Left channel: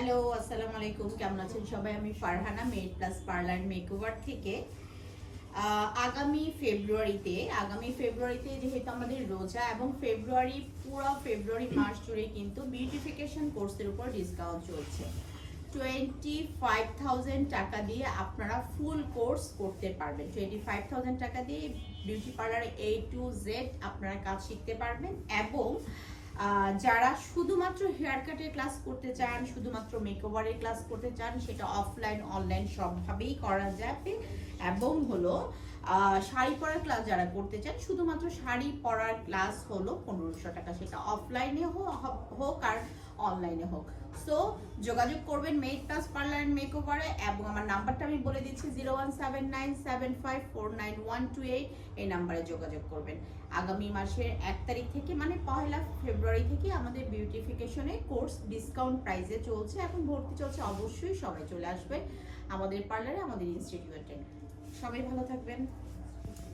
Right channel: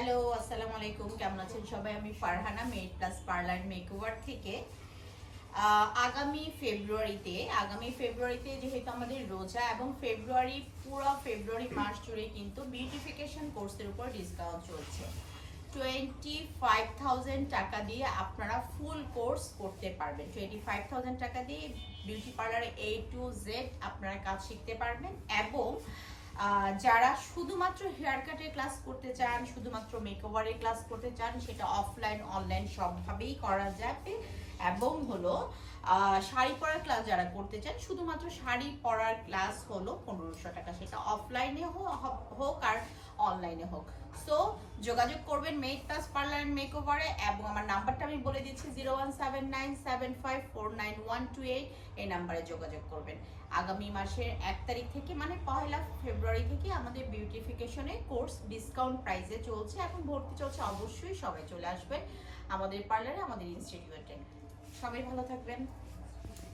Hello, আসসালামু আলাইকুম। কেমন আছেন সবাই? আমি Farhana, made plus parlour makeover থেকে। আগামী ফেব্রুয়ারিতে যেহেতু আমাদের রোজা এবং পুরো ফেব্রুয়ারি মাস জুড়ে কিন্তু বিউটিফিকেশন কোর্সের উপর ডিসকাউন্ট চলছে। 25,000 টাকা দিয়ে আপনারা ফুল কোর্স করতে পারবেন। 25,000 টাকা দিয়ে বিউটি পার্লারে A to Z আপনারা কাজ শিখতে পারবেন এবং যারা শুধুমাত্র হেয়ার কাটের ক্লাস করতে চান, শুধুমাত্র মেকওভারের ক্লাস করতে চান, সেটা অফলাইন অনলাইন সবভাবেই করা যাবে। এবং হলো শাড়ি পরার ক্লাস যারা করতে চান, শুধুমাত্র শাড়ি পরার ক্লাস হলো 1500 টাকা, সেটা অফলাইনে হোক আর অনলাইনে হোক। সো যোগাযোগ করবেন মেড প্লাস পার্লার মেকওভারে এবং আমার নাম্বারটা আমি বলে দিচ্ছি 017975491128। এই নাম্বারে যোগাযোগ করবেন। আগামী মাসের 1 তারিখ থেকে মানে 1 ফেব্রুয়ারি থেকে আমাদের বিউটিফিকেশনে কোর্স ডিসকাউন্ট প্রাইসে চলছে। এখন ভর্তি চলছে, অবশ্যই সবাই চলে আসবে আমাদের পার্লারে, আমাদের ইনস্টিটিউটে। সবাই ভালো থাকবেন।